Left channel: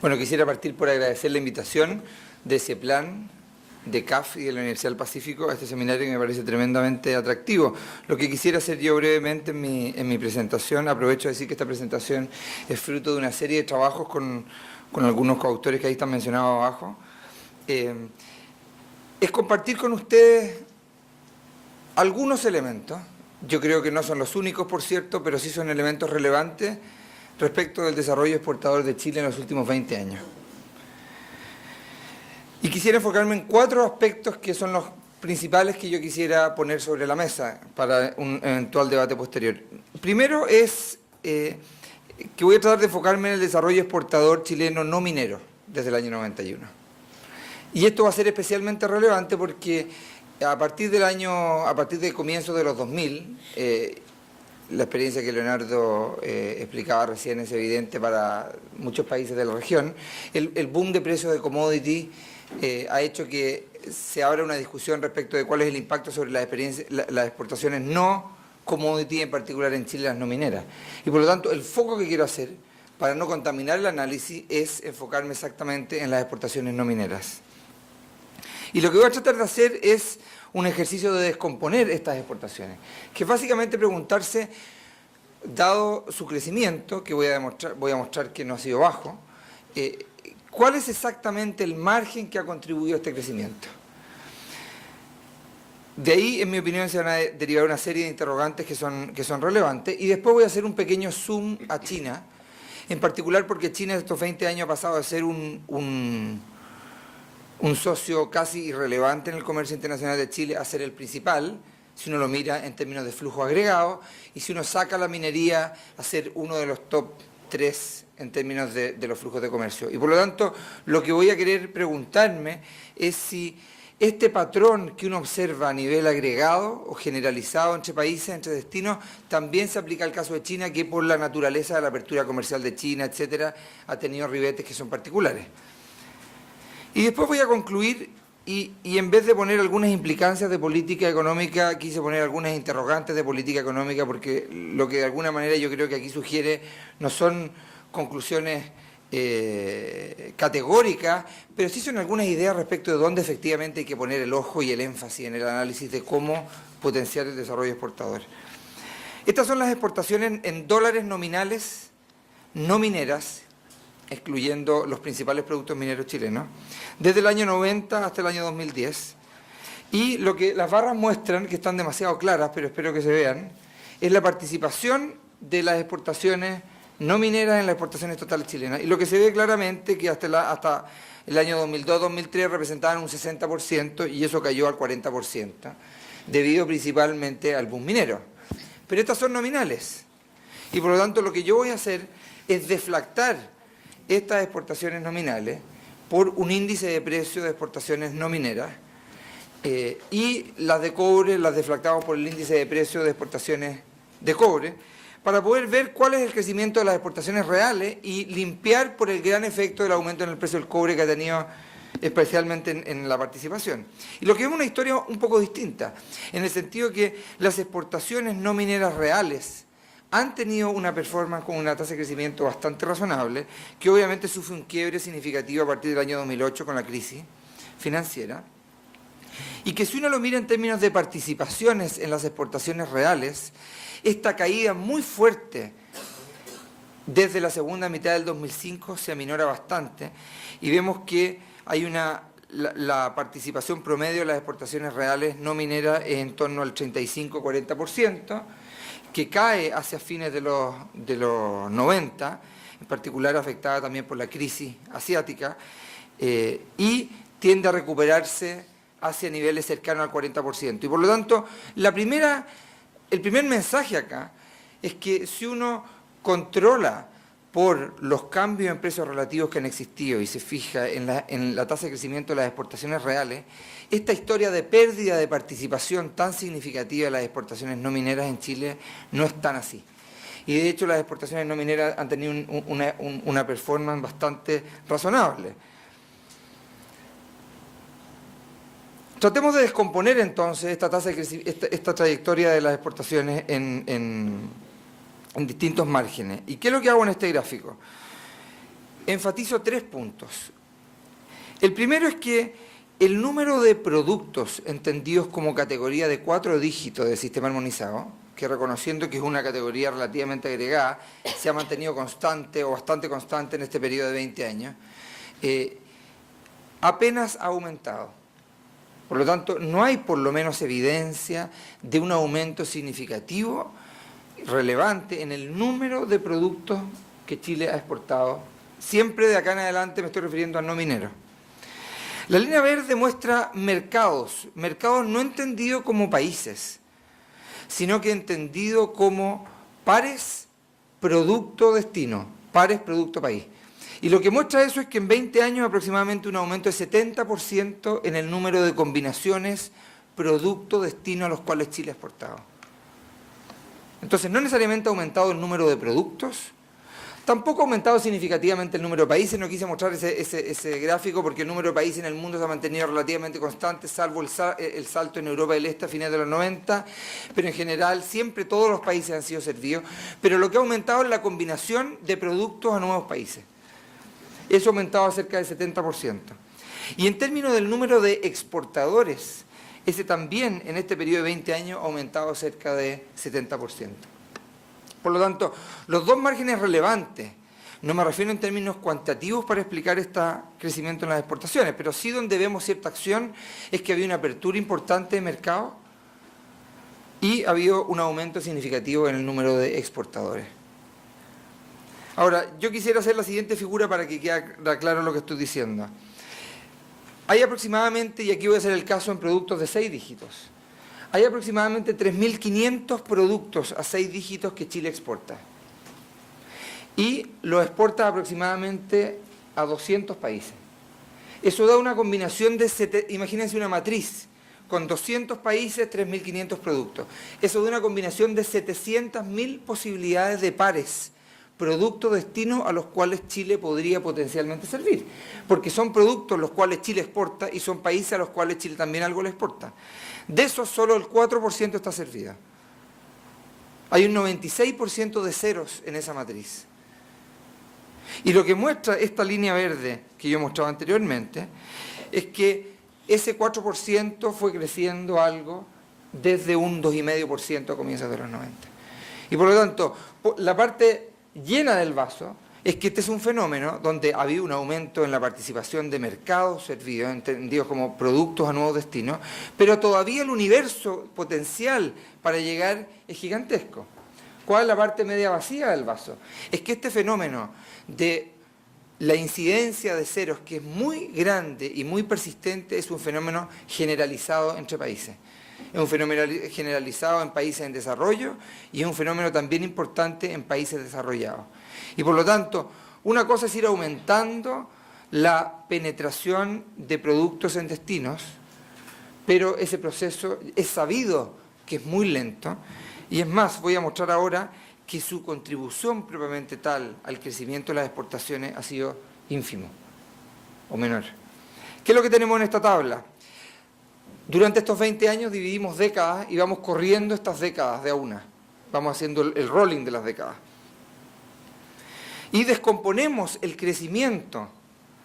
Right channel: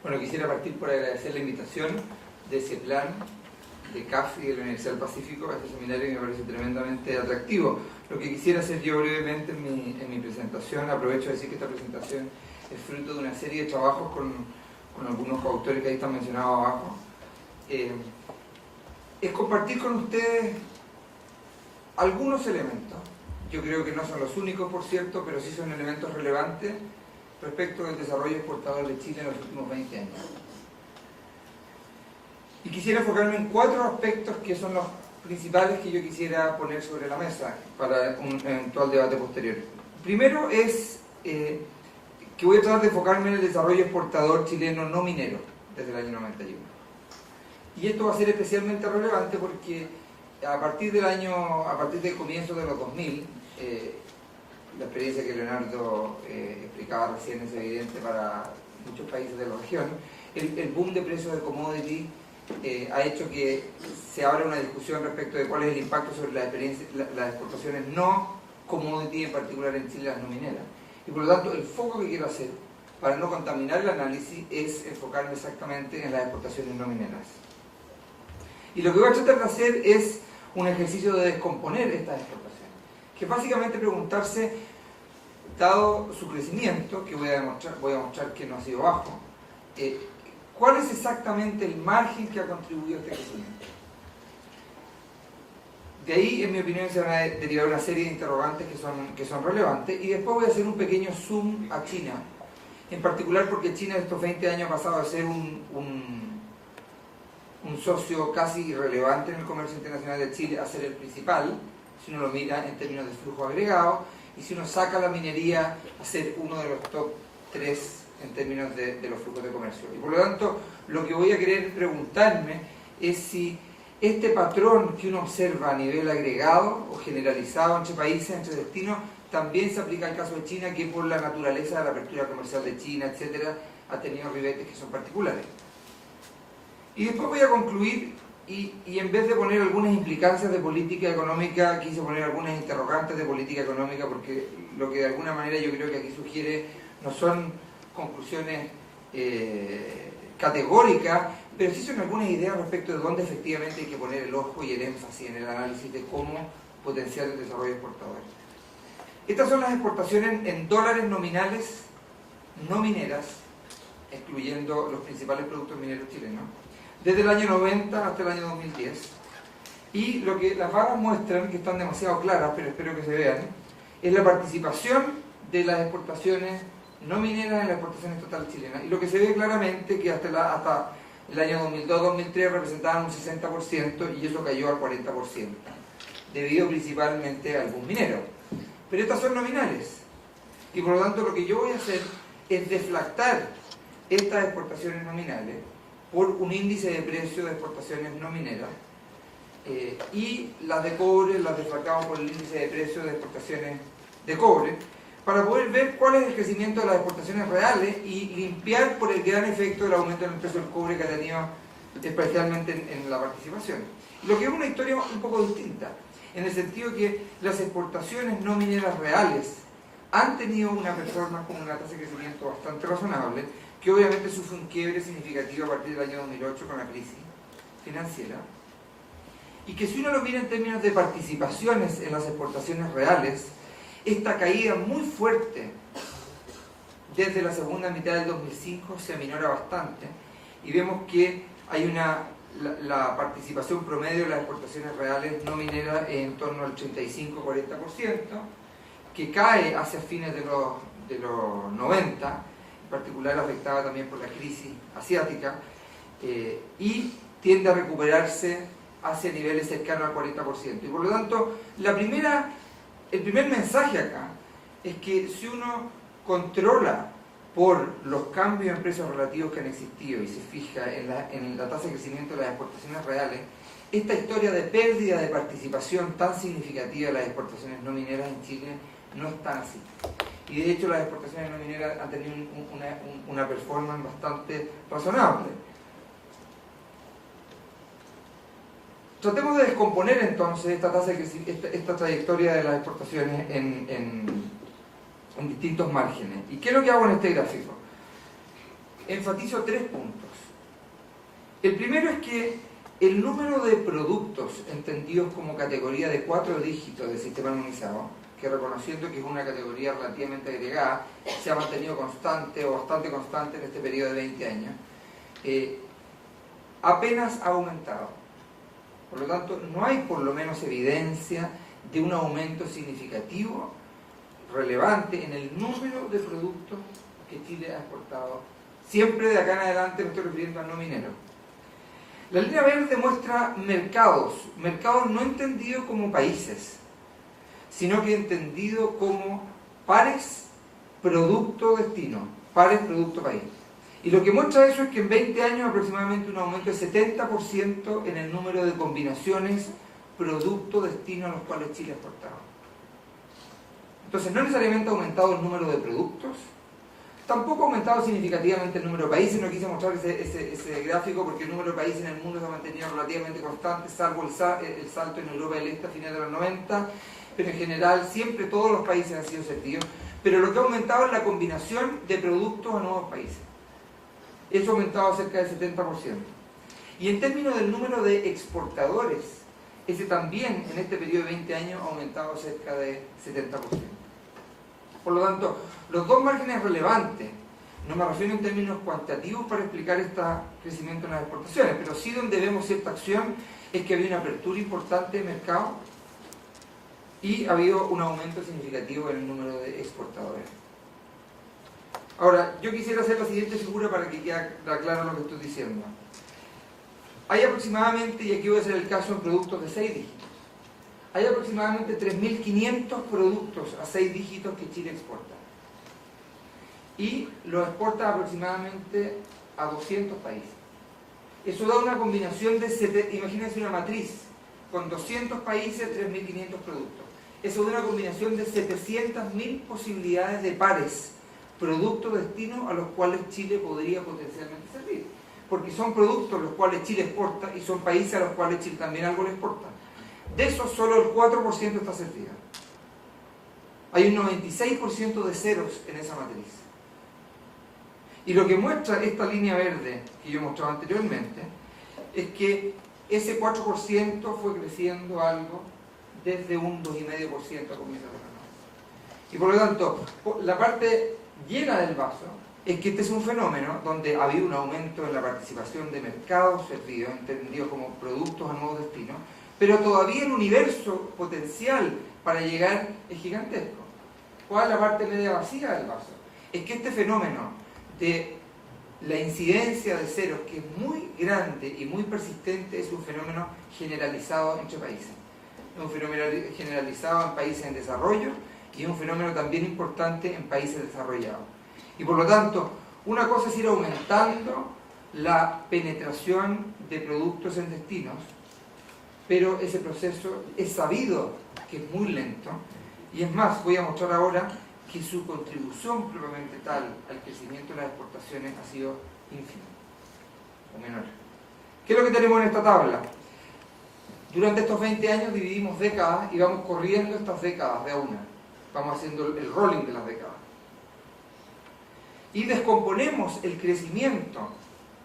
Bueno, quisiera partir por agradecer la invitación de CEPLAN, de CAF y de la Universidad del Pacífico a este seminario que me parece tremendamente atractivo. Lo que quisiera hacer yo brevemente en mi presentación, aprovecho de decir que esta presentación es fruto de una serie de trabajos con algunos coautores que ahí están mencionados abajo. Es compartir con ustedes algunos elementos. Yo creo que no son los únicos, por cierto, pero sí son elementos relevantes respecto del desarrollo exportador de Chile en los últimos 20 años. Y quisiera enfocarme en 4 aspectos que son los principales que yo quisiera poner sobre la mesa para un eventual debate posterior. Primero es que voy a tratar de enfocarme en el desarrollo exportador chileno no minero desde el año 91. Y esto va a ser especialmente relevante porque a partir de comienzos de los 2000, la experiencia que Leonardo explicaba recién es evidente para muchos países de la región. El boom de precios de commodity ha hecho que se abra una discusión respecto de cuál es el impacto sobre las exportaciones no commodity, en particular en Chile las no mineras. Y por lo tanto, el foco que quiero hacer, para no contaminar el análisis, es enfocarme exactamente en las exportaciones no mineras. Y lo que voy a tratar de hacer es un ejercicio de descomponer estas exportaciones, que básicamente preguntarse, dado su crecimiento, que voy a mostrar que no ha sido bajo, ¿cuál es exactamente el margen que ha contribuido a este crecimiento? De ahí, en mi opinión, se van a derivar una serie de interrogantes que son relevantes, y después voy a hacer un pequeño zoom a China, en particular porque China en estos 20 años ha pasado a ser un socio casi irrelevante en el comercio internacional de Chile, a ser el principal, si uno lo mira en términos de flujo agregado, y si uno saca la minería, a ser uno de los top 3 en términos de los flujos de comercio. Y por lo tanto, lo que voy a querer preguntarme es si este patrón que uno observa a nivel agregado o generalizado entre países, entre destinos, también se aplica al caso de China, que por la naturaleza de la apertura comercial de China, etcétera, ha tenido ribetes que son particulares. Y después voy a concluir y en vez de poner algunas implicancias de política económica, quise poner algunas interrogantes de política económica, porque lo que de alguna manera yo creo que aquí sugiere no son conclusiones categóricas, pero sí son algunas ideas respecto de dónde efectivamente hay que poner el ojo y el énfasis en el análisis de cómo potenciar el desarrollo exportador. Estas son las exportaciones en dólares nominales no mineras, excluyendo los principales productos mineros chilenos, desde el año 90 hasta el año 2010. Y lo que las barras muestran, que están demasiado claras, pero espero que se vean, es la participación de las exportaciones no mineras en las exportaciones totales chilenas. Y lo que se ve claramente que hasta el año 2002-2003 representaban un 60% y eso cayó al 40%, debido principalmente al boom minero. Pero estas son nominales. Y por lo tanto lo que yo voy a hacer es deflactar estas exportaciones nominales por un índice de precio de exportaciones no mineras, y las de cobre las deflactamos por el índice de precio de exportaciones de cobre, para poder ver cuál es el crecimiento de las exportaciones reales y limpiar por el gran efecto del aumento en el precio del cobre que ha tenido especialmente en la participación. Y lo que es una historia un poco distinta, en el sentido que las exportaciones no mineras reales han tenido una performance con una tasa de crecimiento bastante razonable, que obviamente sufre un quiebre significativo a partir del año 2008 con la crisis financiera, y que si uno lo mira en términos de participaciones en las exportaciones reales, esta caída muy fuerte desde la segunda mitad del 2005 se aminora bastante, y vemos que hay la participación promedio de las exportaciones reales no mineras en torno al 35-40%, que cae hacia fines de los 90, en particular afectada también por la crisis asiática, y tiende a recuperarse hacia niveles cercanos al 40%. Y por lo tanto, el primer mensaje acá es que si uno controla por los cambios en precios relativos que han existido y se fija en la tasa de crecimiento de las exportaciones reales, esta historia de pérdida de participación tan significativa de las exportaciones no mineras en Chile no es tan así. Y de hecho las exportaciones no mineras han tenido una performance bastante razonable. Tratemos de descomponer entonces esta tasa de crecimiento, esta trayectoria de las exportaciones en distintos márgenes. ¿Y qué es lo que hago en este gráfico? enfatizo 3 puntos. El primero es que el número de productos entendidos como categoría de 4 dígitos del sistema armonizado, que reconociendo que es una categoría relativamente agregada, se ha mantenido constante o bastante constante en este periodo de 20 años, apenas ha aumentado. Por lo tanto, no hay por lo menos evidencia de un aumento significativo, relevante, en el número de productos que Chile ha exportado. Siempre de acá en adelante me estoy refiriendo al no minero. La línea verde muestra mercados no entendidos como países, sino que entendido como pares producto-destino, pares producto-país. Y lo que muestra eso es que en 20 años aproximadamente un aumento de 70% en el número de combinaciones producto-destino a los cuales Chile ha exportado. Entonces no necesariamente ha aumentado el número de productos, tampoco ha aumentado significativamente el número de países. No quise mostrar ese gráfico porque el número de países en el mundo se ha mantenido relativamente constante, salvo el salto en Europa del Este a fines de los 90, pero en general siempre todos los países han sido servidos. Pero lo que ha aumentado es la combinación de productos a nuevos países. Eso ha aumentado cerca del 70%. Y en términos del número de exportadores, ese también en este periodo de 20 años ha aumentado cerca de 70%. Por lo tanto, los dos márgenes relevantes, no me refiero en términos cuantitativos para explicar este crecimiento en las exportaciones, pero sí donde vemos cierta acción es que había una apertura importante de mercado y ha habido un aumento significativo en el número de exportadores. Ahora, yo quisiera hacer la siguiente figura para que quede claro lo que estoy diciendo. Hay aproximadamente, y aquí voy a hacer el caso en productos de 6 dígitos, hay aproximadamente 3.500 productos a 6 dígitos que Chile exporta. Y lo exporta aproximadamente a 200 países. Eso da una combinación de, imagínense una matriz, con 200 países, 3.500 productos. Eso da una combinación de 700.000 posibilidades de pares, producto-destino a los cuales Chile podría potencialmente servir. Porque son productos los cuales Chile exporta y son países a los cuales Chile también algo le exporta. De eso solo el 4% está servido. Hay un 96% de ceros en esa matriz. Y lo que muestra esta línea verde que yo mostraba anteriormente es que ese 4% fue creciendo algo desde un 2,5% a comienzos de los 90. Y por lo tanto, la parte llena del vaso es que este es un fenómeno donde ha habido un aumento en la participación de mercados servidos, entendidos como productos a nuevos destinos, pero todavía el universo potencial para llegar es gigantesco. ¿Cuál es la parte media vacía del vaso? Es que este fenómeno de la incidencia de ceros, que es muy grande y muy persistente, es un fenómeno generalizado entre países. Es un fenómeno generalizado en países en desarrollo y es un fenómeno también importante en países desarrollados. Y por lo tanto, una cosa es ir aumentando la penetración de productos en destinos, pero ese proceso es sabido que es muy lento, y es más, voy a mostrar ahora que su contribución propiamente tal al crecimiento de las exportaciones ha sido ínfimo o menor. ¿Qué es lo que tenemos en esta tabla? Durante estos 20 años dividimos décadas y vamos corriendo estas décadas de a una. Vamos haciendo el rolling de las décadas. Y descomponemos el crecimiento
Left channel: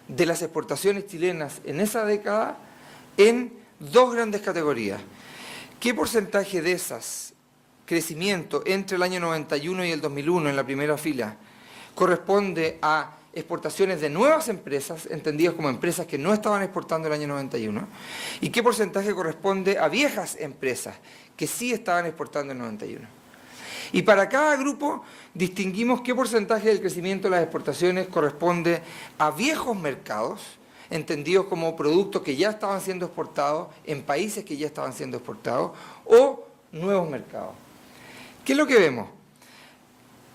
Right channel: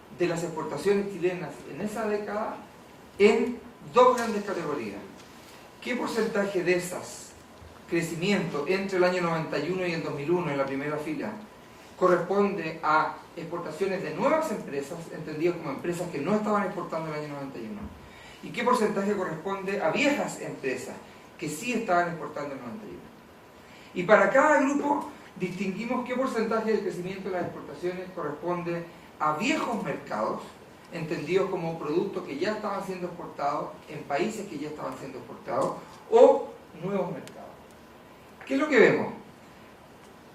de las exportaciones chilenas en esa década en dos grandes categorías. ¿Qué porcentaje de esas crecimiento entre el año 91 y el 2001 en la primera fila corresponde a exportaciones de nuevas empresas, entendidas como empresas que no estaban exportando el año 91? ¿Y qué porcentaje corresponde a viejas empresas que sí estaban exportando en el 91? Y para cada grupo distinguimos qué porcentaje del crecimiento de las exportaciones corresponde a viejos mercados, entendidos como productos que ya estaban siendo exportados en países que ya estaban siendo exportados, o nuevos mercados. ¿Qué es lo que vemos?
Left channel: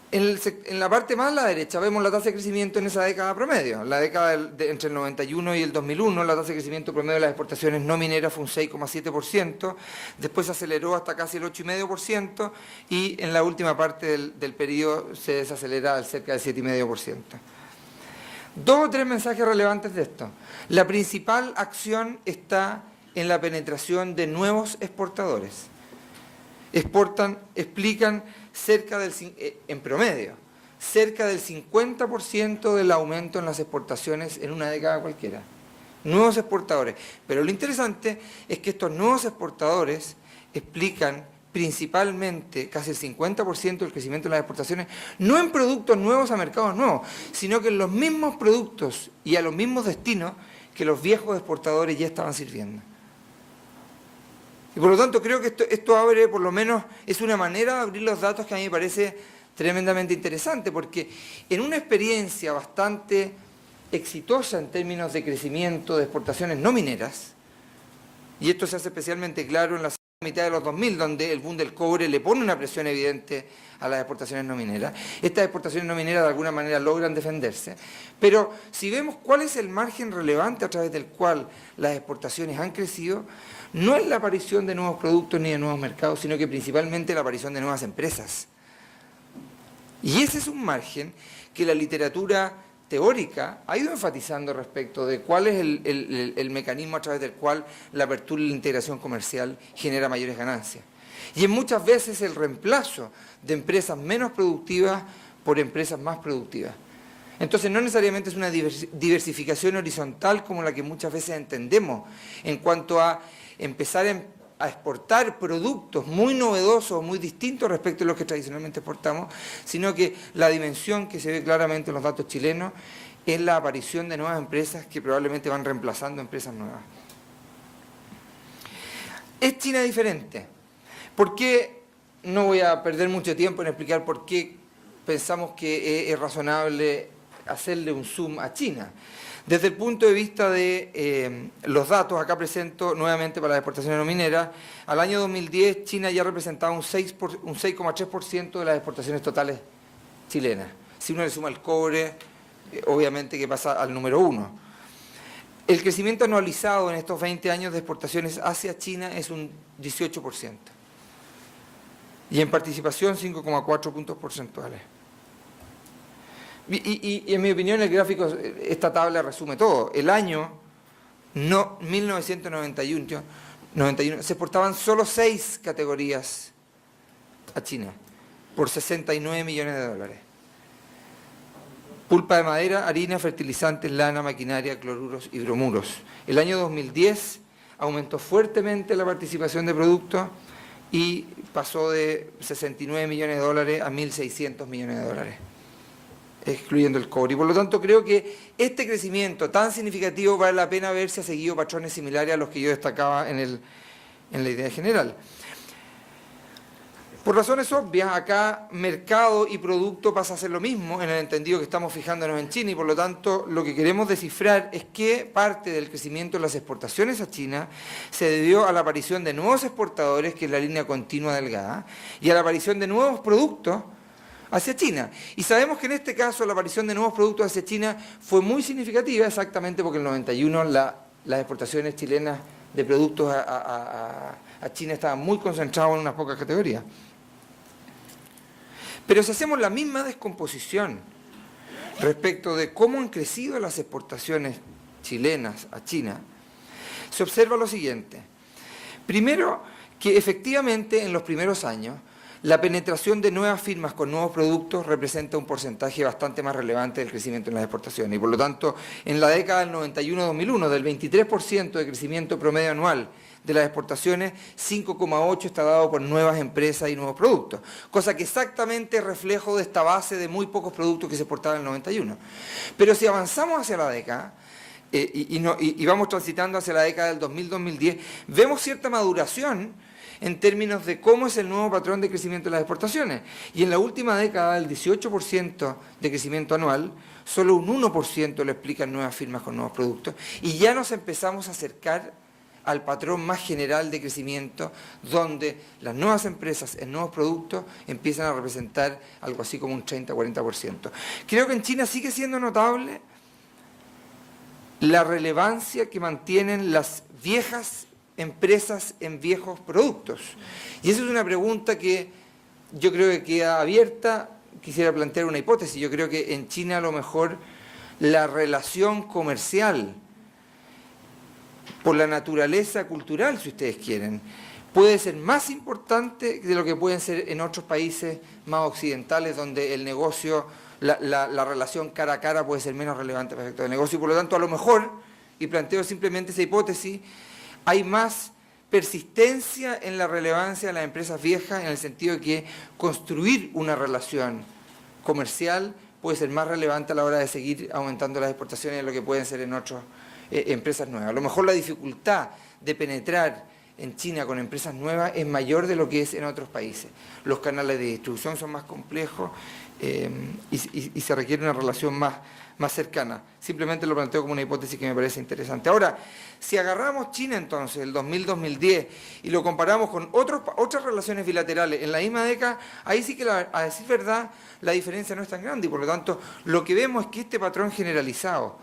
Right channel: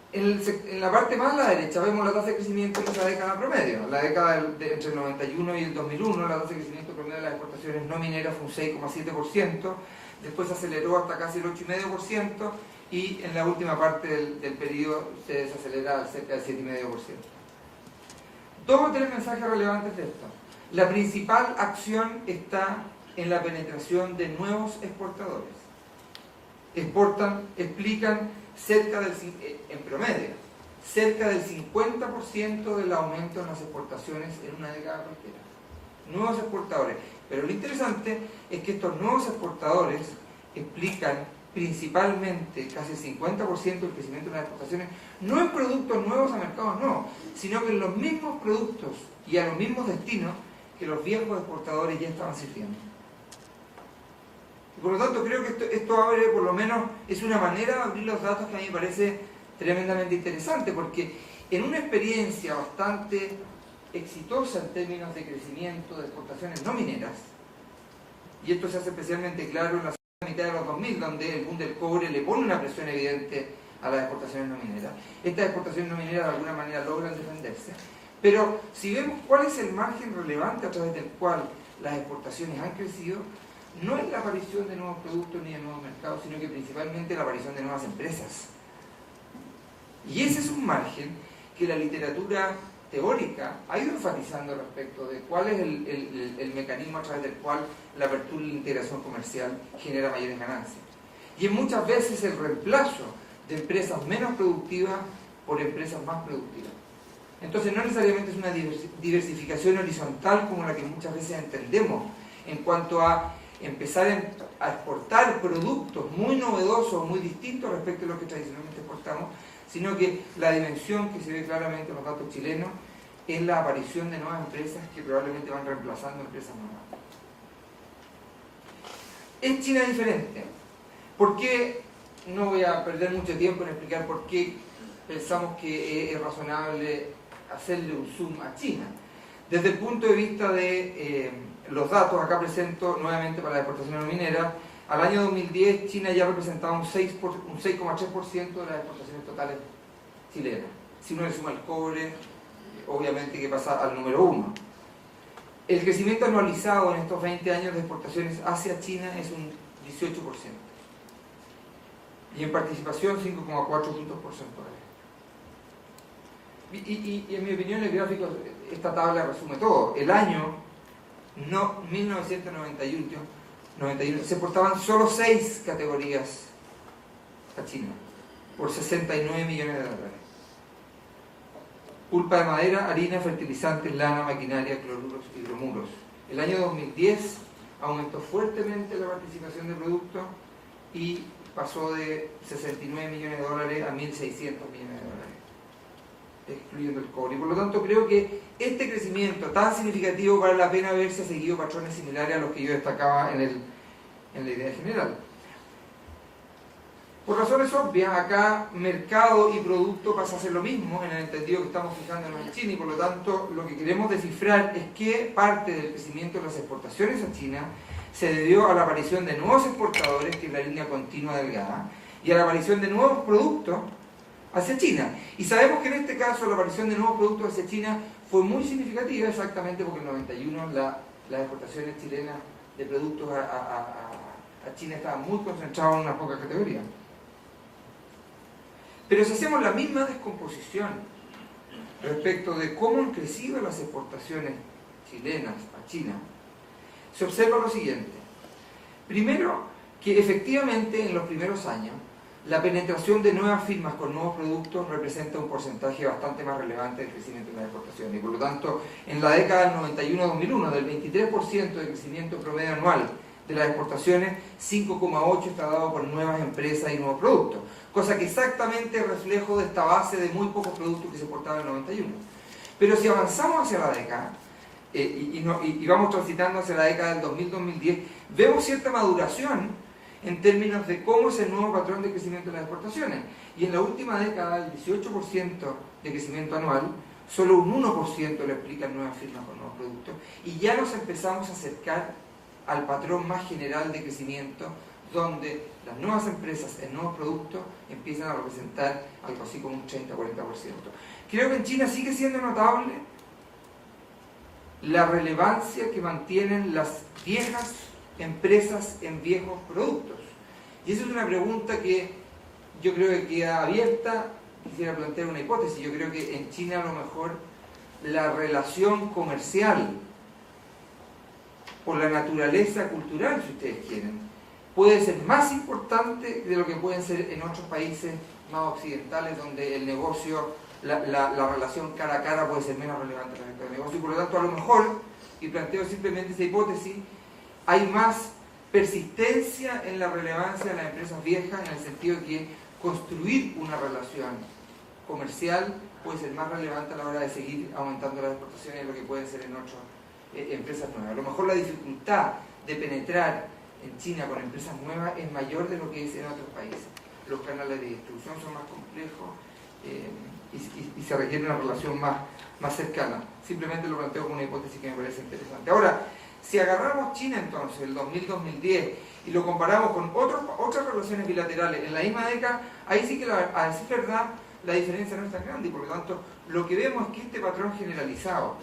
En la parte más a la derecha vemos la tasa de crecimiento en esa década promedio. La década entre el 91 y el 2001, la tasa de crecimiento promedio de las exportaciones no mineras fue un 6,7%, después se aceleró hasta casi el 8,5% y en la última parte del periodo se desacelera al cerca del 7,5%. Dos o tres mensajes relevantes de esto. La principal acción está en la penetración de nuevos exportadores. Explican cerca del, en promedio, cerca del 50% del aumento en las exportaciones en una década cualquiera. Nuevos exportadores. Pero lo interesante es que estos nuevos exportadores explican principalmente casi el 50% del crecimiento de las exportaciones, no en productos nuevos a mercados nuevos, sino que en los mismos productos y a los mismos destinos que los viejos exportadores ya estaban sirviendo. Y por lo tanto creo que esto abre, por lo menos, es una manera de abrir los datos que a mí me parece tremendamente interesante, porque en una experiencia bastante exitosa en términos de crecimiento de exportaciones no mineras, y esto se hace especialmente claro en la mitad de los 2000, donde el boom del cobre le pone una presión evidente a las exportaciones no mineras. Estas exportaciones no mineras de alguna manera logran defenderse, pero si vemos cuál es el margen relevante a través del cual las exportaciones han crecido, no es la aparición de nuevos productos ni de nuevos mercados, sino que principalmente la aparición de nuevas empresas. Y ese es un margen que la literatura teórica ha ido enfatizando respecto de cuál es el mecanismo a través del cual la apertura y la integración comercial genera mayores ganancias. Y en muchas veces el reemplazo de empresas menos productivas por empresas más productivas. Entonces no necesariamente es una diversificación horizontal como la que muchas veces entendemos en cuanto a empezar a exportar productos muy novedosos, muy distintos respecto a los que tradicionalmente exportamos, sino que la dimensión que se ve claramente en los datos chilenos es la aparición de nuevas empresas que probablemente van reemplazando empresas nuevas. ¿Es China diferente? ¿Por qué? No voy a perder mucho tiempo en explicar por qué pensamos que es razonable hacerle un zoom a China. Desde el punto de vista de los datos, acá presento nuevamente para las exportaciones no mineras, al año 2010 China ya representaba un 6,3% de las exportaciones totales chilenas. Si uno le suma el cobre, obviamente que pasa al número 1. El crecimiento anualizado en estos 20 años de exportaciones hacia China es un 18%. Y en participación 5,4 puntos porcentuales. Y en mi opinión el gráfico, esta tabla resume todo. El año 1991 se exportaban solo 6 categorías a China por 69 millones de dólares. Pulpa de madera, harina, fertilizantes, lana, maquinaria, cloruros y bromuros. El año 2010 aumentó fuertemente la participación de productos y pasó de 69 millones de dólares a 1.600 millones de dólares, excluyendo el cobre. Y por lo tanto creo que este crecimiento tan significativo vale la pena ver si ha seguido patrones similares a los que yo destacaba en la idea general. Por razones obvias, acá mercado y producto pasa a ser lo mismo en el entendido que estamos fijándonos en China, y por lo tanto lo que queremos descifrar es qué parte del crecimiento de las exportaciones a China se debió a la aparición de nuevos exportadores, que es la línea continua delgada, y a la aparición de nuevos productos hacia China. Y sabemos que en este caso la aparición de nuevos productos hacia China fue muy significativa, exactamente porque en el 91 las exportaciones chilenas de productos a China estaban muy concentradas en unas pocas categorías. Pero si hacemos la misma descomposición respecto de cómo han crecido las exportaciones chilenas a China, se observa lo siguiente. Primero, que efectivamente en los primeros años la penetración de nuevas firmas con nuevos productos representa un porcentaje bastante más relevante del crecimiento en las exportaciones. Y por lo tanto, en la década del 91-2001, del 23% de crecimiento promedio anual de las exportaciones, 5,8 está dado por nuevas empresas y nuevos productos, cosa que exactamente es reflejo de esta base de muy pocos productos que se exportaban en el 91. Pero si avanzamos hacia la década, y vamos transitando hacia la década del 2000-2010, vemos cierta maduración en términos de cómo es el nuevo patrón de crecimiento de las exportaciones. Y en la última década, el 18% de crecimiento anual, solo un 1% lo explican nuevas firmas con nuevos productos, y ya nos empezamos a acercar al patrón más general de crecimiento, donde las nuevas empresas en nuevos productos empiezan a representar algo así como un 30-40%. Creo que en China sigue siendo notable la relevancia que mantienen las viejas empresas en viejos productos. Y esa es una pregunta que yo creo que queda abierta. Quisiera plantear una hipótesis. Yo creo que en China a lo mejor la relación comercial, por la naturaleza cultural, si ustedes quieren, puede ser más importante de lo que pueden ser en otros países más occidentales, donde el negocio la relación cara a cara puede ser menos relevante en el efecto de negocio, y por lo tanto a lo mejor, y planteo simplemente esa hipótesis, hay más persistencia en la relevancia de las empresas viejas, en el sentido de que construir una relación comercial puede ser más relevante a la hora de seguir aumentando las exportaciones de lo que pueden ser en otras empresas nuevas. A lo mejor la dificultad de penetrar en China con empresas nuevas es mayor de lo que es en otros países. Los canales de distribución son más complejos y se requiere una relación más cercana. Simplemente lo planteo como una hipótesis que me parece interesante. Ahora, si agarramos China entonces, el 2000-2010, y lo comparamos con otras relaciones bilaterales en la misma década, ahí sí que, a decir verdad, la diferencia no es tan grande, y por lo tanto lo que vemos es que este patrón generalizado,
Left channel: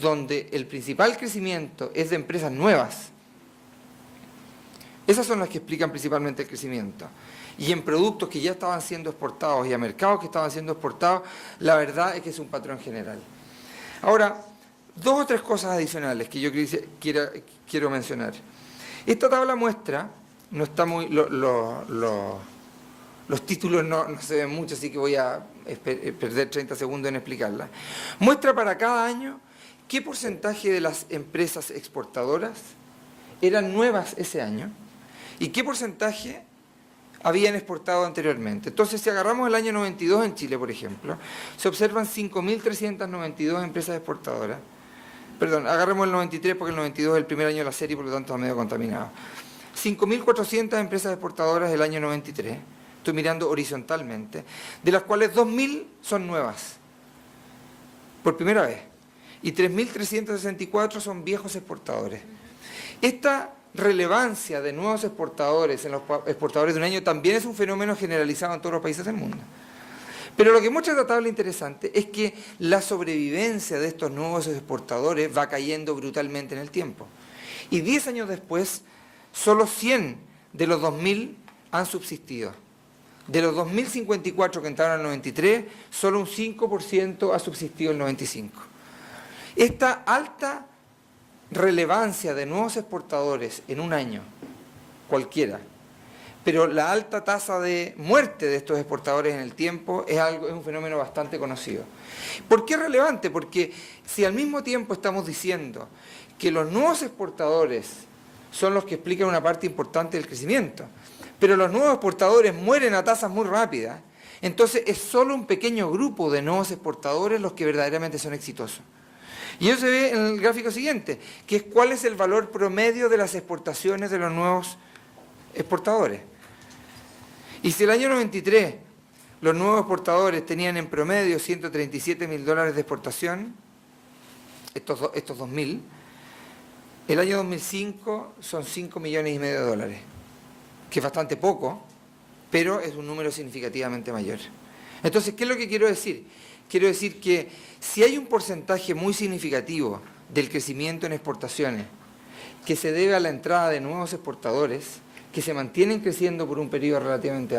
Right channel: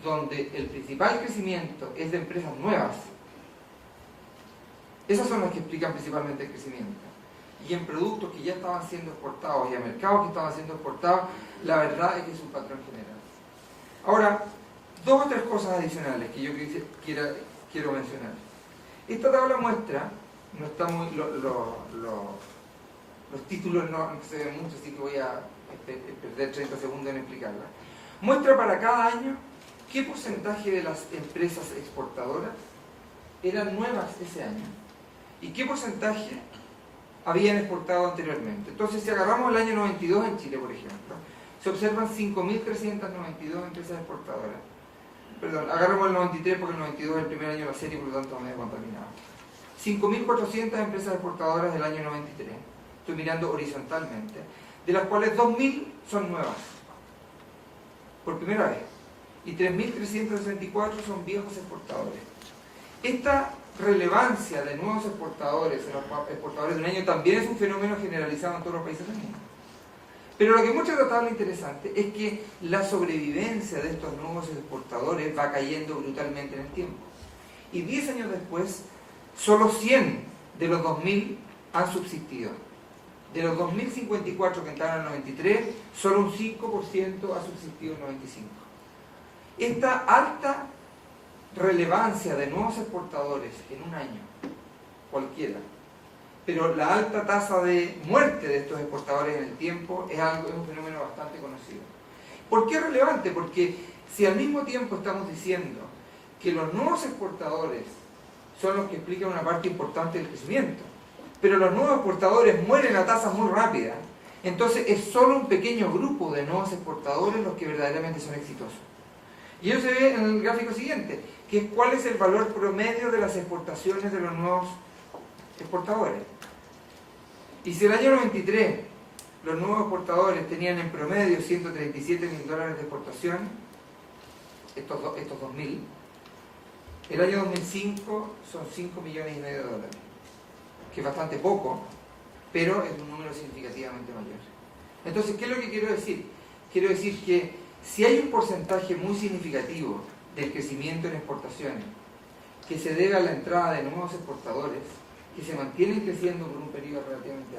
donde el principal crecimiento es de empresas nuevas, esas son las que explican principalmente el crecimiento. Y en productos que ya estaban siendo exportados y a mercados que estaban siendo exportados, la verdad es que es un patrón general. Ahora, dos o tres cosas adicionales que yo quiero mencionar. Esta tabla muestra, no está muy, los títulos no se ven mucho, así que voy a perder 30 segundos en explicarla. Muestra para cada año qué porcentaje de las empresas exportadoras eran nuevas ese año y qué porcentaje habían exportado anteriormente. Entonces, si agarramos el año 92 en Chile, por ejemplo, se observan 5.392 empresas exportadoras. Perdón, agarremos el 93 porque el 92 es el primer año de la serie y por lo tanto está medio contaminado. 5.400 empresas exportadoras del año 93, estoy mirando horizontalmente, de las cuales 2.000 son nuevas, por primera vez, y 3.364 son viejos exportadores. Esta relevancia de nuevos exportadores en los exportadores de un año también es un fenómeno generalizado en todos los países del mundo. Pero lo que muestra esta tabla interesante es que la sobrevivencia de estos nuevos exportadores va cayendo brutalmente en el tiempo. Y 10 años después, solo 100 de los 2.000 han subsistido. De los 2.054 que entraron en el 93, solo un 5% ha subsistido en el 95. Esta alta relevancia de nuevos exportadores en un año, cualquiera, pero la alta tasa de muerte de estos exportadores en el tiempo es un fenómeno bastante conocido. ¿Por qué es relevante? Porque si al mismo tiempo estamos diciendo que los nuevos exportadores son los que explican una parte importante del crecimiento, pero los nuevos exportadores mueren a tasas muy rápidas, entonces es solo un pequeño grupo de nuevos exportadores los que verdaderamente son exitosos. Y eso se ve en el gráfico siguiente, que es cuál es el valor promedio de las exportaciones de los nuevos exportadores. Y si el año 93 los nuevos exportadores tenían en promedio $137.000 de exportación, estos 2.000, el año 2005 son $5,5 millones, que es bastante poco, pero es un número significativamente mayor. Entonces, ¿qué es lo que quiero decir? Quiero decir que si hay un porcentaje muy significativo del crecimiento en exportaciones que se debe a la entrada de nuevos exportadores que se mantienen creciendo por un periodo relativamente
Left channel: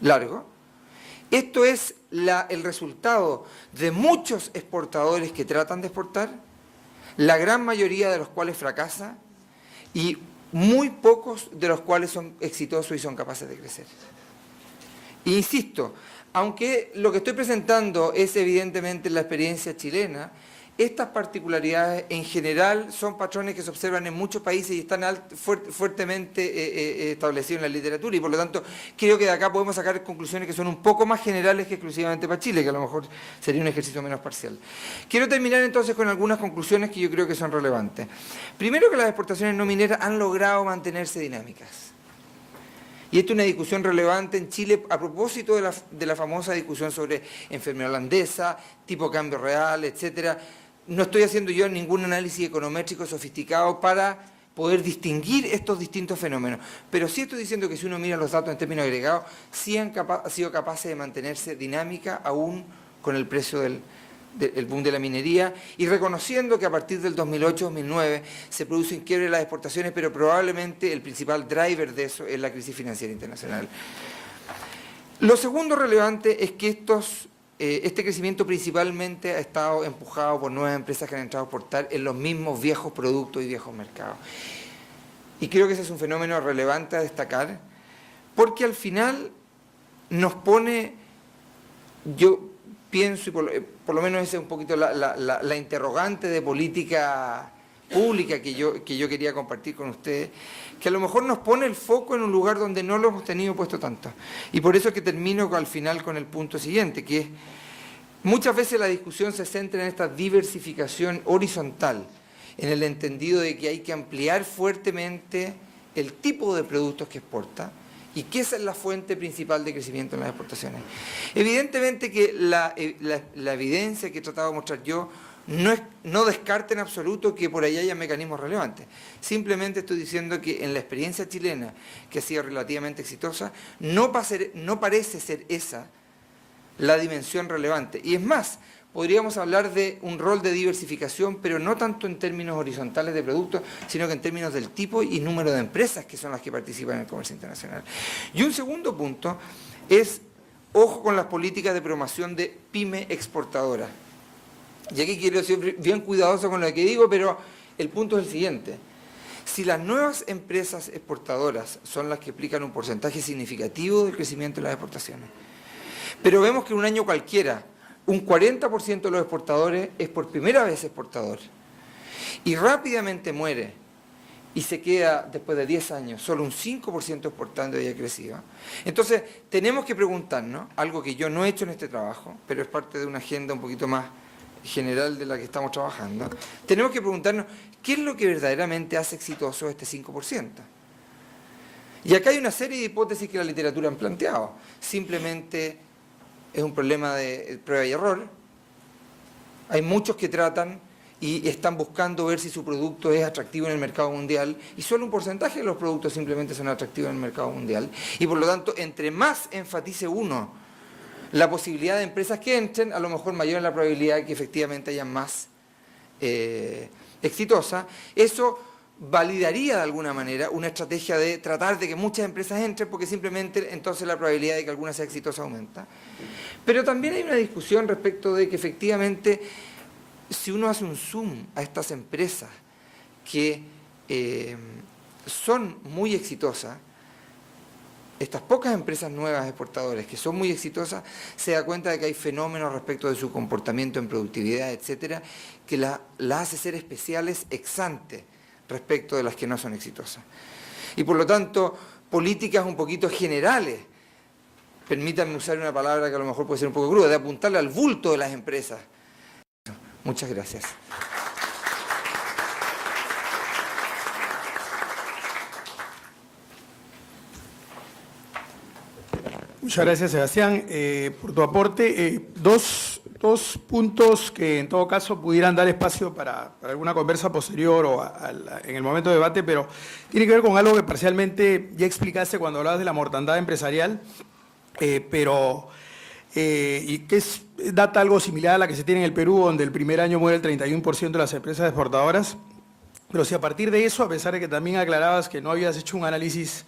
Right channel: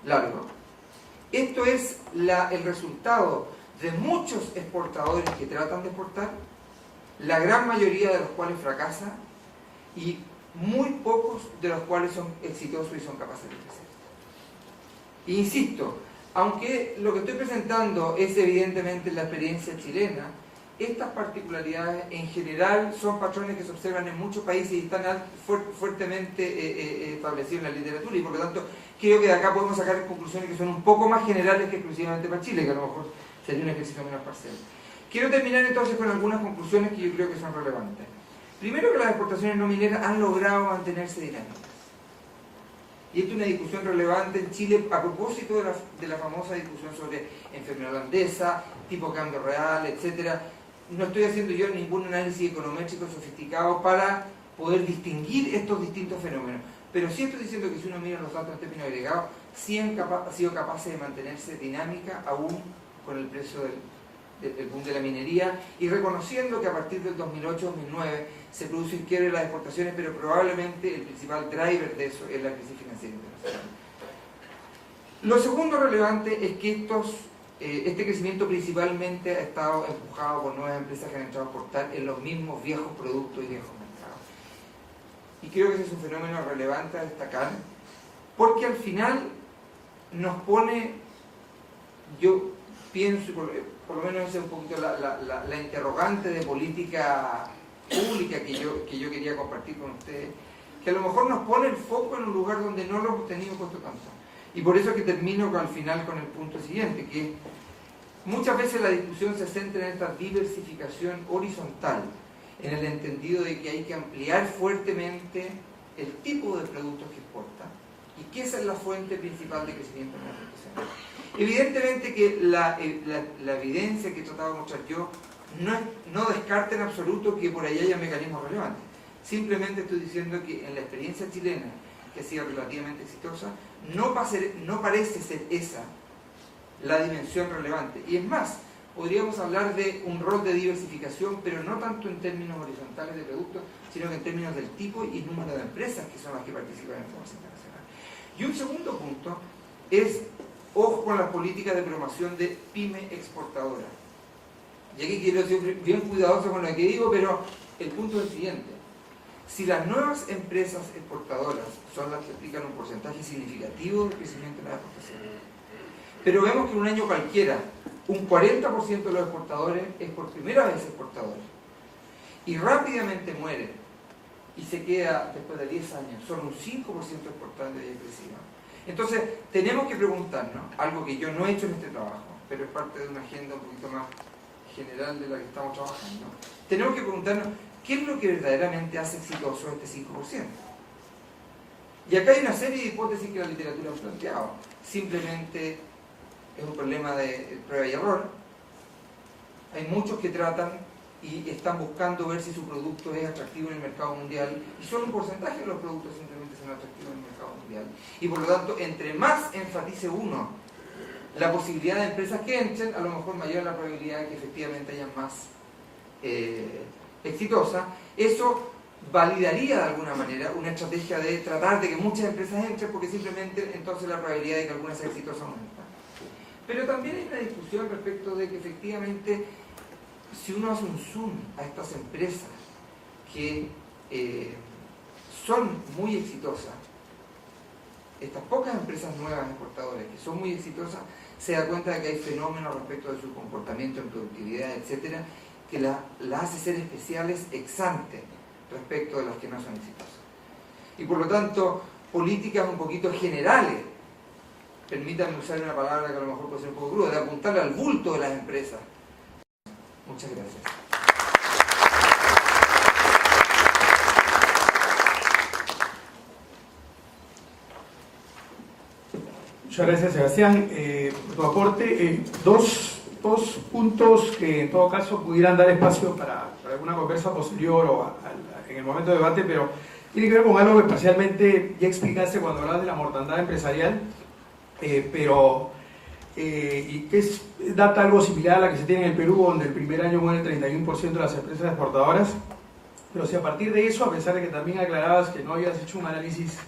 largo, esto es el resultado de muchos exportadores que tratan de exportar, la gran mayoría de los cuales fracasan y muy pocos de los cuales son exitosos y son capaces de crecer. E insisto, aunque lo que estoy presentando es evidentemente la experiencia chilena, estas particularidades en general son patrones que se observan en muchos países y están fuertemente establecidos en la literatura, y por lo tanto creo que de acá podemos sacar conclusiones que son un poco más generales que exclusivamente para Chile, que a lo mejor sería un ejercicio menos parcial. Quiero terminar entonces con algunas conclusiones que yo creo que son relevantes. Primero, que las exportaciones no mineras han logrado mantenerse dinámicas. Y esta es una discusión relevante en Chile a propósito de la famosa discusión sobre enfermedad holandesa, tipo cambio real, etc. No estoy haciendo yo ningún análisis econométrico sofisticado para poder distinguir estos distintos fenómenos. Pero sí estoy diciendo que si uno mira los datos en términos agregados, sí han sido capaces de mantenerse dinámica aún con el precio del boom de la minería, y reconociendo que a partir del 2008-2009 se produce un quiebre de las exportaciones, pero probablemente el principal driver de eso es la crisis financiera internacional. Lo segundo relevante es que este crecimiento principalmente ha estado empujado por nuevas empresas que han entrado a exportar en los mismos viejos productos y viejos mercados. Y creo que ese es un fenómeno relevante a destacar, porque al final nos pone, yo pienso, y por lo menos esa es un poquito la interrogante de política pública que yo quería compartir con ustedes, que a lo mejor nos pone el foco en un lugar donde no lo hemos tenido puesto tanto. Y por eso es que termino al final con el punto siguiente, que es, muchas veces la discusión se centra en esta diversificación horizontal, en el entendido de que hay que ampliar fuertemente el tipo de productos que exporta, y que esa es la fuente principal de crecimiento en las exportaciones. Evidentemente que la evidencia que he tratado de mostrar yo no descarta en absoluto que por ahí haya mecanismos relevantes. Simplemente estoy diciendo que en la experiencia chilena, que ha sido relativamente exitosa, no parece ser esa la dimensión relevante. Y es más, podríamos hablar de un rol de diversificación, pero no tanto en términos horizontales de productos, sino que en términos del tipo y número de empresas que son las que participan en el comercio internacional. Y un segundo punto es, ojo con las políticas de promoción de pyme exportadora. Y aquí quiero ser bien cuidadoso con lo que digo, pero el punto es el siguiente. Si las nuevas empresas exportadoras son las que aplican un porcentaje significativo del crecimiento de las exportaciones, pero vemos que en un año cualquiera, un 40% de los exportadores es por primera vez exportador, y rápidamente muere, y se queda después de 10 años solo un 5% exportando y haya crecido. Entonces tenemos que preguntarnos, algo que yo no he hecho en este trabajo, pero es parte de una agenda un poquito más general de la que estamos trabajando, tenemos que preguntarnos qué es lo que verdaderamente hace exitoso este 5%. Y acá hay una serie de hipótesis que la literatura han planteado. Simplemente es un problema de prueba y error. Hay muchos que tratan y están buscando ver si su producto es atractivo en el mercado mundial, y solo un porcentaje de los productos simplemente son atractivos en el mercado mundial. Y por lo tanto, entre más enfatice uno la posibilidad de empresas que entren, a lo mejor mayor es la probabilidad de que efectivamente hayan más exitosas. Eso validaría de alguna manera una estrategia de tratar de que muchas empresas entren, porque simplemente entonces la probabilidad de que alguna sea exitosa aumenta. Pero también hay una discusión respecto de que efectivamente, si uno hace un zoom a estas empresas que son muy exitosas, estas pocas empresas nuevas exportadoras que son muy exitosas, se da cuenta de que hay fenómenos respecto de su comportamiento en productividad, etcétera, que la hace ser especiales ex ante respecto de las que no son exitosas. Y por lo tanto, políticas un poquito generales, permítanme usar una palabra que a lo mejor puede ser un poco cruda, de apuntarle al bulto de las empresas. Muchas gracias. Muchas gracias, Sebastián, por tu aporte. Dos puntos que en todo caso pudieran dar espacio para alguna conversa posterior o en el momento de debate, pero tiene que ver con algo que parcialmente ya explicaste cuando hablabas de la mortandad empresarial, y que data algo similar a la que se tiene en el Perú, donde el primer año muere el 31% de las empresas exportadoras. Pero si a partir de eso, a pesar de que también aclarabas que no habías hecho un análisis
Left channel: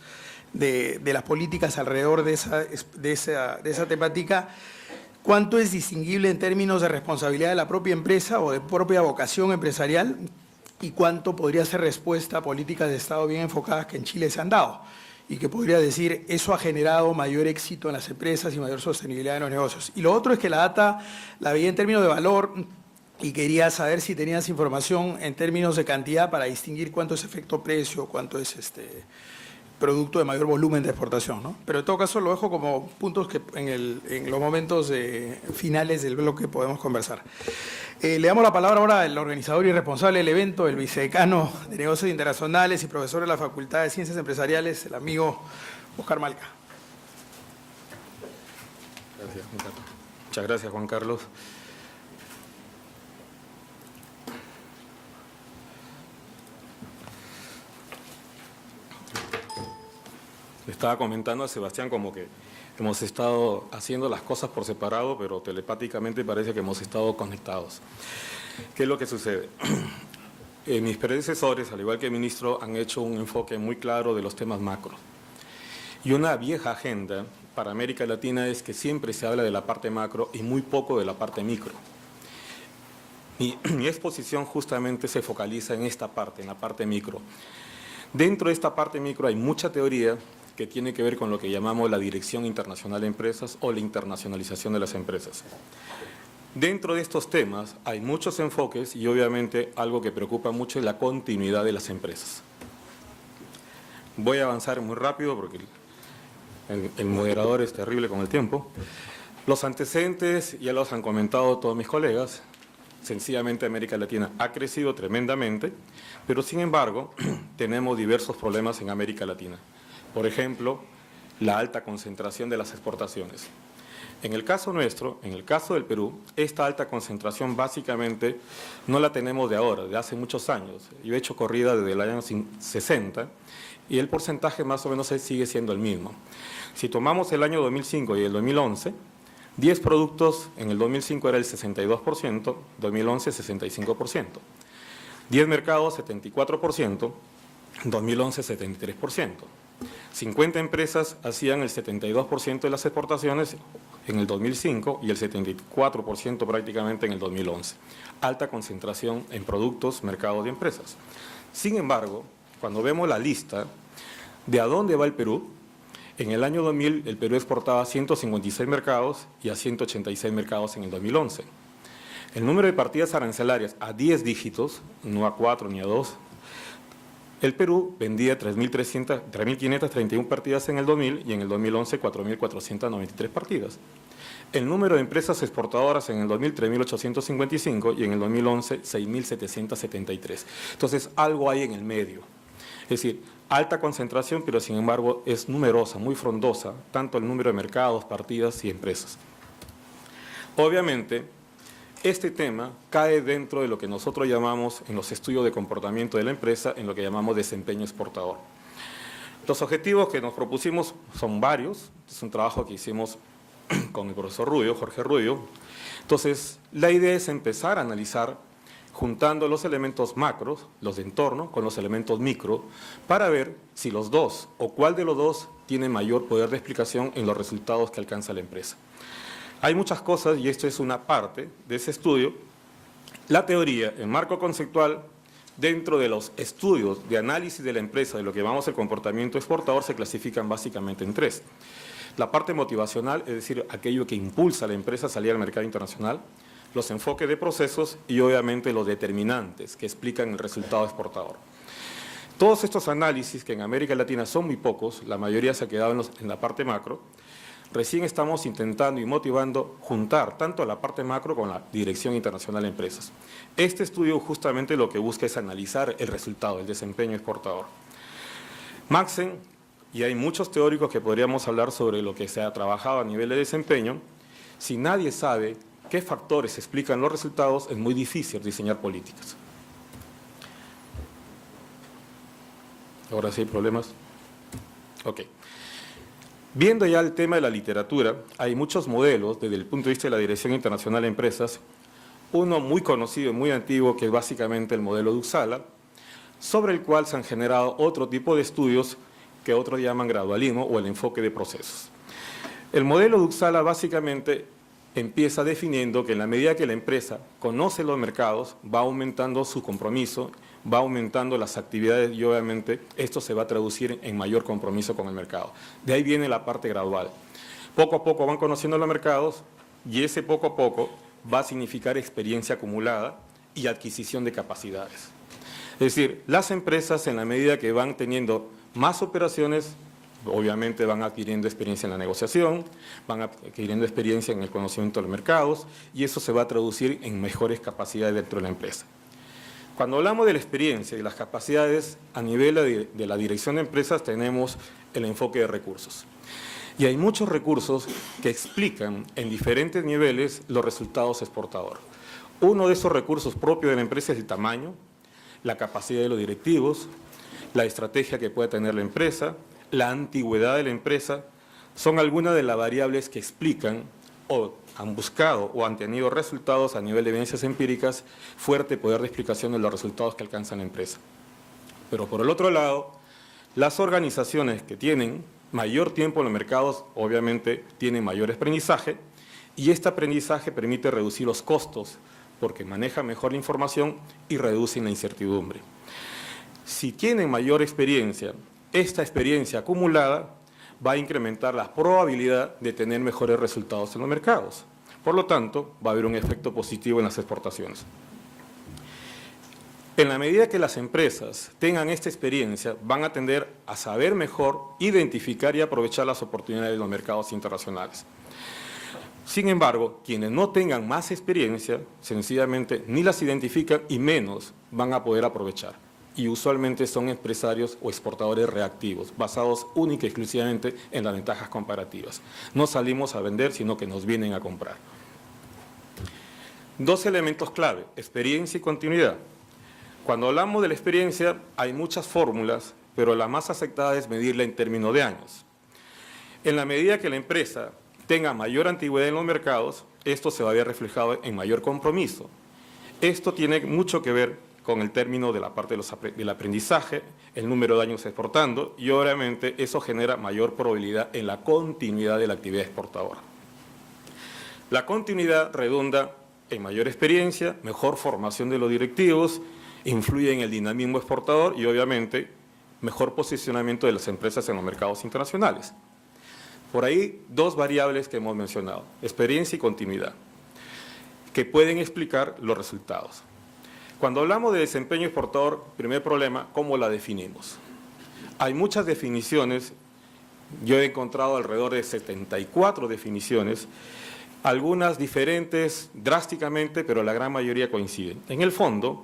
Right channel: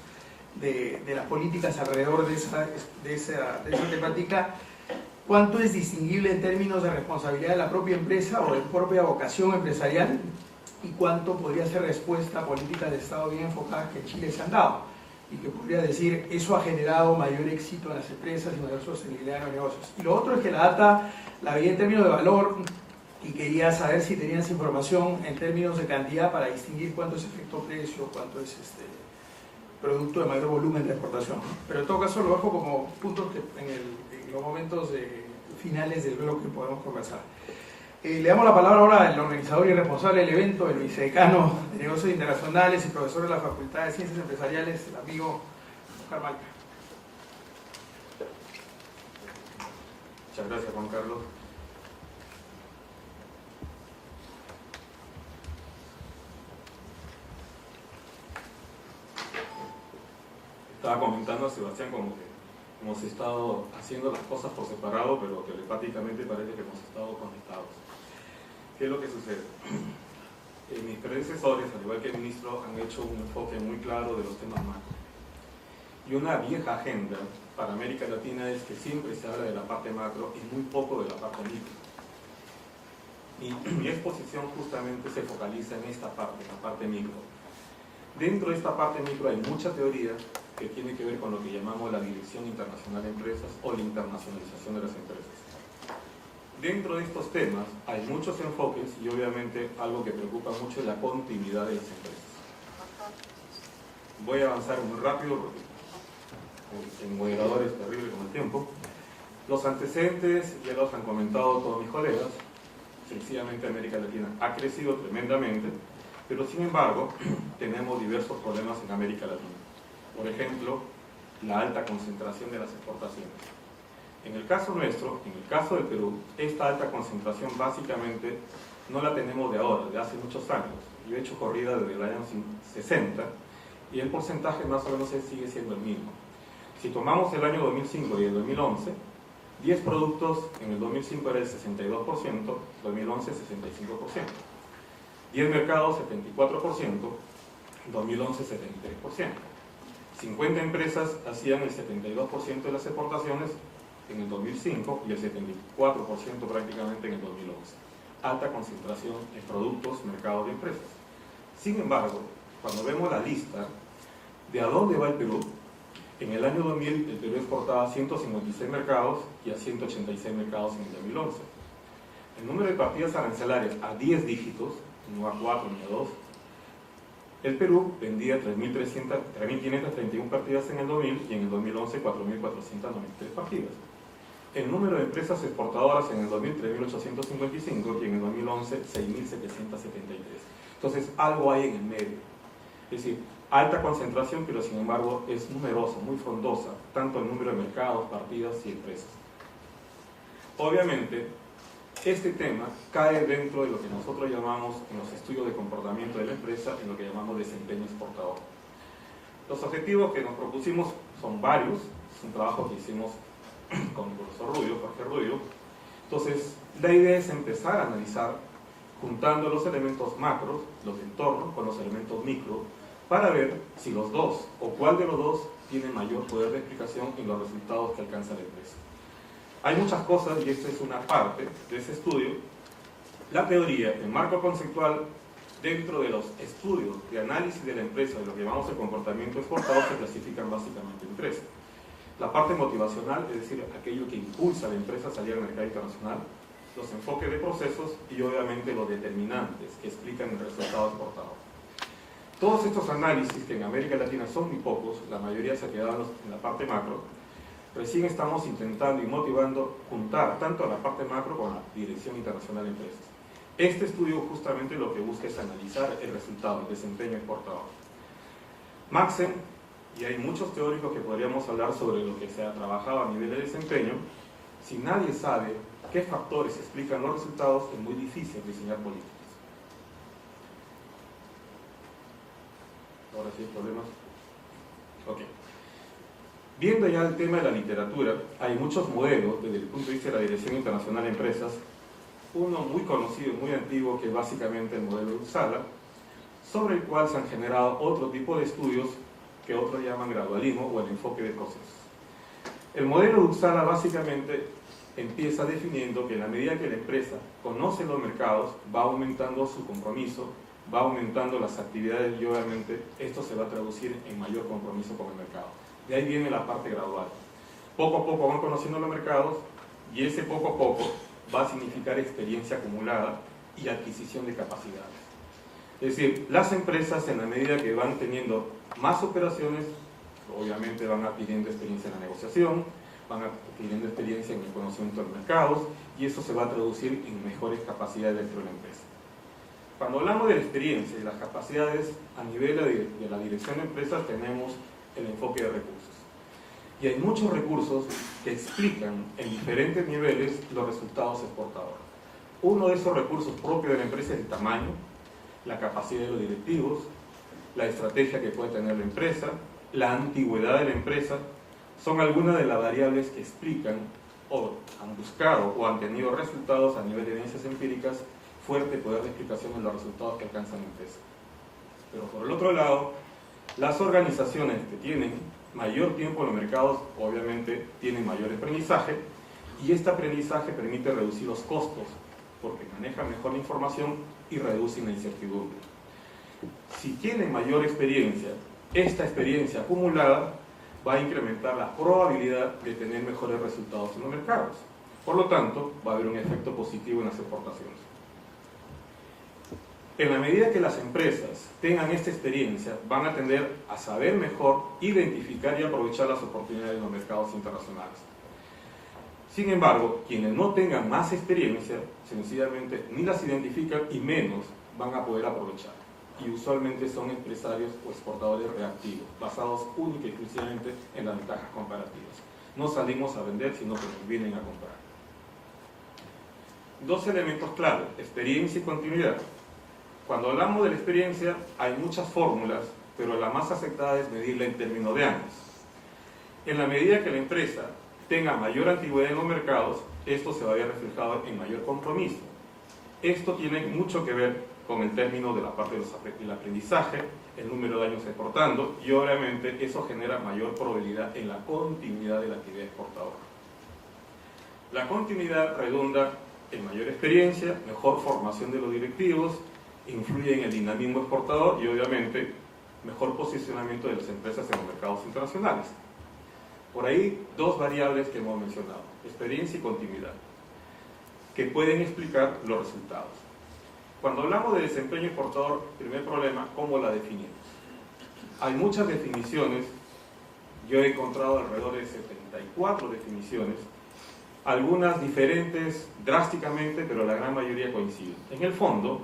de las políticas alrededor de esa temática, ¿cuánto es distinguible en términos de responsabilidad de la propia empresa o de propia vocación empresarial? ¿Y cuánto podría ser respuesta a políticas de Estado bien enfocadas que en Chile se han dado? Y que podría decir, eso ha generado mayor éxito en las empresas y mayor sostenibilidad en los negocios. Y lo otro es que la data la vi en términos de valor, y quería saber si tenías información en términos de cantidad para distinguir cuánto es efecto precio, cuánto es producto de mayor volumen de exportación, ¿no? Pero en todo caso lo dejo como puntos que en los momentos finales del bloque podemos conversar. Le damos la palabra ahora al organizador y responsable del evento, el vicedecano de Negocios Internacionales y profesor de la Facultad de Ciencias Empresariales, el amigo Oscar Malca. Muchas gracias, Juan Carlos. Estaba comentando a Sebastián como que hemos estado haciendo las cosas por separado, pero telepáticamente parece que hemos estado conectados. ¿Qué es lo que sucede? Mis predecesores, al igual que el ministro, han hecho un enfoque muy claro de los temas macro. Y una vieja agenda para América Latina es que siempre se habla de la parte macro y muy poco de la parte micro. Mi exposición justamente se focaliza en esta parte, en la parte micro. Dentro de esta parte micro hay mucha teoría que tiene que ver con lo que llamamos la dirección internacional de empresas o la internacionalización de las empresas. Dentro de estos temas hay muchos enfoques y obviamente algo que preocupa mucho es la continuidad de las empresas. Voy a avanzar muy rápido porque el moderador es terrible con el tiempo. Los antecedentes ya los han comentado todos mis colegas. Sencillamente América Latina ha crecido tremendamente, pero sin embargo tenemos diversos problemas en América Latina. Por ejemplo, la alta concentración de las exportaciones. En el caso nuestro, en el caso del Perú, esta alta concentración básicamente no la tenemos de ahora, de hace muchos años. Yo he hecho corrida desde el año 60 y el porcentaje más o menos sigue siendo el mismo. Si tomamos el año 2005 y el 2011, 10 productos en el 2005 era el 62%, 2011 65%. 10 mercados 74%, 2011 73%. 50 empresas hacían el 72% de las exportaciones en el 2005 y el 74% prácticamente en el 2011. Alta concentración en productos, mercados y empresas. Sin embargo, cuando vemos la lista de a dónde va el Perú, en el año 2000 el Perú exportaba a 156 mercados y a 186 mercados en el 2011. El número de partidas arancelarias a 10 dígitos, no a 4 ni a 2, el Perú vendía 3.531 partidas en el 2000 y en el 2011 4.493 partidas. El número de empresas exportadoras en el 2000 3.855 y en el 2011 6.773. Entonces algo hay en el medio. Es decir, alta concentración, pero sin embargo es numerosa, muy frondosa, tanto el número de mercados, partidas y empresas. Obviamente, este tema cae dentro de lo que nosotros llamamos, en los estudios de comportamiento de la empresa, en lo que llamamos desempeño exportador. Los objetivos que nos propusimos son varios, es un trabajo que hicimos con el profesor Rubio, Jorge Rubio. Entonces, la idea es empezar a analizar, juntando los elementos macros, los de entorno, con los elementos micro, para ver si los dos, o cuál de los dos, tiene mayor poder de explicación en los resultados que alcanza la empresa. Hay muchas cosas, y esto es una parte de ese estudio. La teoría, el marco conceptual, dentro de los estudios de análisis de la empresa, de lo que llamamos el comportamiento exportador, se clasifican básicamente en tres. La parte motivacional, es decir, aquello que impulsa a la empresa a salir al mercado internacional, los enfoques de procesos y obviamente los determinantes que explican el resultado exportador. Todos estos análisis, que en América Latina son muy pocos, la mayoría se ha quedado en la parte macro, recién estamos intentando y motivando juntar tanto a la parte macro con la Dirección Internacional de Empresas. Este estudio justamente lo que busca es analizar el resultado, el desempeño exportador. Maxen, y hay muchos teóricos que podríamos hablar sobre lo que se ha trabajado a nivel de desempeño, si nadie sabe qué factores explican los resultados, es muy difícil diseñar políticas. Ahora sí hay problemas. Ok. Viendo ya el tema de la literatura, hay muchos modelos desde el punto de vista de la Dirección Internacional de Empresas. Uno muy conocido y muy antiguo, que es básicamente el modelo de Uppsala, sobre el cual se han generado otro tipo de estudios que otros llaman gradualismo o el enfoque de procesos. El modelo de Uppsala básicamente empieza definiendo que en la medida que la empresa conoce los mercados, va aumentando su compromiso, va aumentando las actividades y obviamente esto se va a traducir en mayor compromiso con el mercado. De ahí viene la parte gradual. Poco a poco van conociendo los mercados y ese poco a poco va a significar experiencia acumulada y adquisición de capacidades. Es decir, las empresas en la medida que van teniendo más operaciones, obviamente van adquiriendo experiencia en la negociación, van adquiriendo experiencia en el conocimiento de los mercados y eso se va a traducir en mejores capacidades dentro de la empresa. Cuando hablamos de la experiencia y las capacidades a nivel de la dirección de empresas, tenemos el enfoque de recursos. Y hay muchos recursos que explican en diferentes niveles los resultados exportadores. Uno de esos recursos propios de la empresa es el tamaño, la capacidad de los directivos, la estrategia que puede tener la empresa, la antigüedad de la empresa, son algunas de las variables que explican o han buscado o han tenido resultados a nivel de evidencias empíricas, fuerte poder de explicación de los resultados que alcanza la empresa. Pero por el otro lado, las organizaciones que tienen mayor tiempo en los mercados, obviamente tienen mayor aprendizaje, y este aprendizaje permite reducir los costos, porque maneja mejor la información y reduce la incertidumbre. Si tienen mayor experiencia, esta experiencia acumulada va a incrementar la probabilidad de tener mejores resultados en los mercados. Por lo tanto, va a haber un efecto positivo en las exportaciones. En la medida que las empresas tengan esta experiencia, van a tender a saber mejor, identificar y aprovechar las oportunidades de los mercados internacionales. Sin embargo, quienes no tengan más experiencia, sencillamente ni las identifican y menos van a poder aprovechar. Y usualmente son empresarios o exportadores reactivos, basados única y exclusivamente en las ventajas comparativas. No salimos a vender, sino que nos vienen a comprar. Dos elementos clave, experiencia y continuidad. Cuando hablamos de la experiencia, hay muchas fórmulas, pero la más aceptada es medirla en términos de años. En la medida que la empresa tenga mayor antigüedad en los mercados, esto se va a ver reflejado en mayor compromiso. Esto tiene mucho que ver con el término de la parte del aprendizaje, el número de años exportando, y obviamente eso genera mayor probabilidad en la continuidad de la actividad exportadora. La continuidad redunda en mayor experiencia, mejor formación de los directivos, influye en el dinamismo exportador y obviamente mejor posicionamiento de las empresas en los mercados internacionales. Por ahí dos variables que hemos mencionado, experiencia y continuidad, que pueden explicar los resultados. Cuando hablamos de desempeño exportador, primer problema, ¿cómo la definimos? Hay muchas definiciones, yo he encontrado alrededor de 74 definiciones, algunas diferentes drásticamente, pero la gran mayoría coinciden. En el fondo,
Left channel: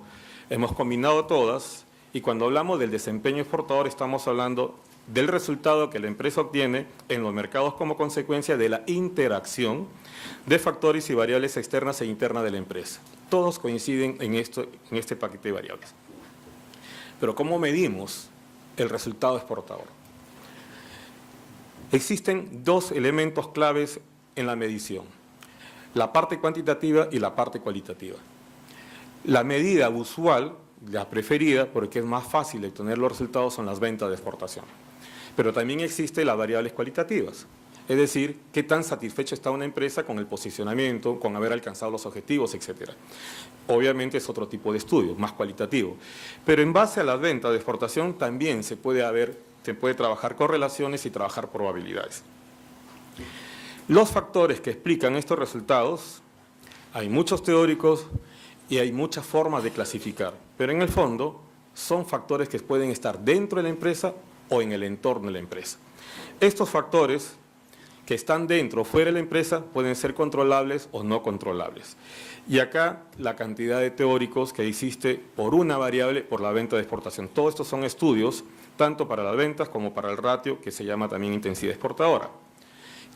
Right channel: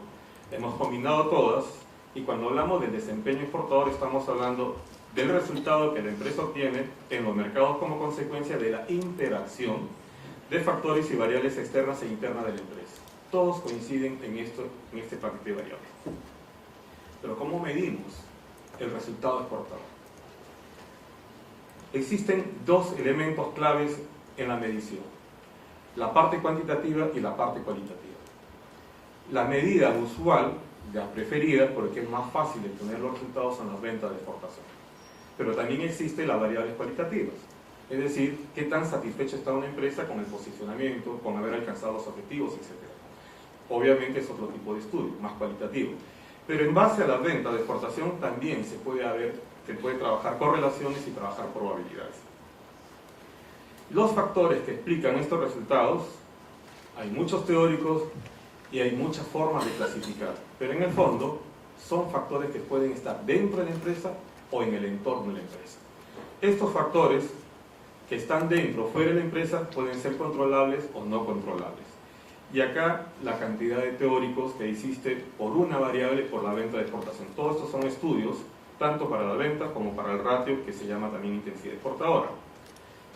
hemos combinado todas y cuando hablamos del desempeño exportador estamos hablando del resultado que la empresa obtiene en los mercados como consecuencia de la interacción de factores y variables externas e internas de la empresa. Todos coinciden en este paquete de variables. Pero ¿cómo medimos el resultado exportador? Existen dos elementos claves en la medición, la parte cuantitativa y la parte cualitativa. La medida usual, la preferida, porque es más fácil de obtener los resultados, son las ventas de exportación. Pero también existen las variables cualitativas, es decir, qué tan satisfecha está una empresa con el posicionamiento, con haber alcanzado los objetivos, etc. Obviamente es otro tipo de estudio, más cualitativo. Pero en base a las ventas de exportación también se puede trabajar correlaciones y trabajar probabilidades. Los factores que explican estos resultados, hay muchos teóricos, y hay muchas formas de clasificar, pero en el fondo son factores que pueden estar dentro de la empresa o en el entorno de la empresa. Estos factores que están dentro o fuera de la empresa pueden ser controlables o no controlables. Y acá la cantidad de teóricos que existe por una variable por la venta de exportación. Todos estos son estudios, tanto para las ventas como para el ratio, que se llama también intensidad exportadora.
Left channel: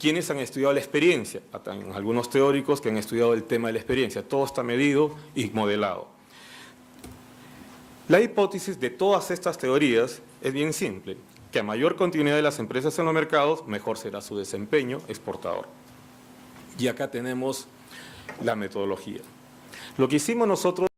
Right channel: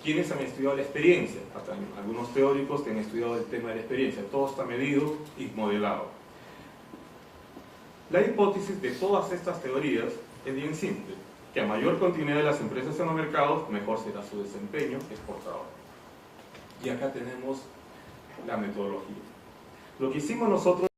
¿Quiénes han estudiado la experiencia? Algunos teóricos que han estudiado el tema de la experiencia. Todo está medido y modelado. La hipótesis de todas estas teorías es bien simple, que a mayor continuidad de las empresas en los mercados, mejor será su desempeño exportador. Y acá tenemos la metodología. Lo que hicimos nosotros